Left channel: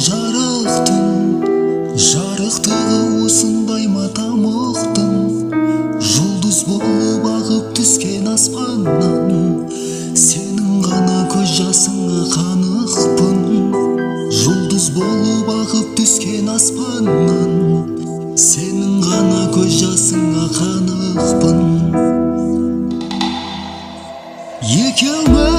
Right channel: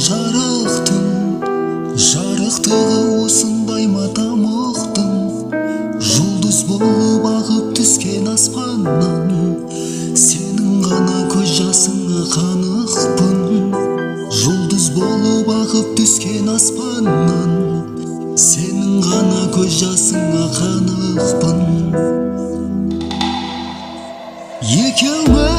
жарықтың жарықтығы осындай ма тамұқтың жұлдыз болып ағып түскен аспаннан сенің ғана көз жасыңа қанықпын жұлдыз болып ағып түскен аспаннан сенің ғана көз жасыңа қанықпын екеуміз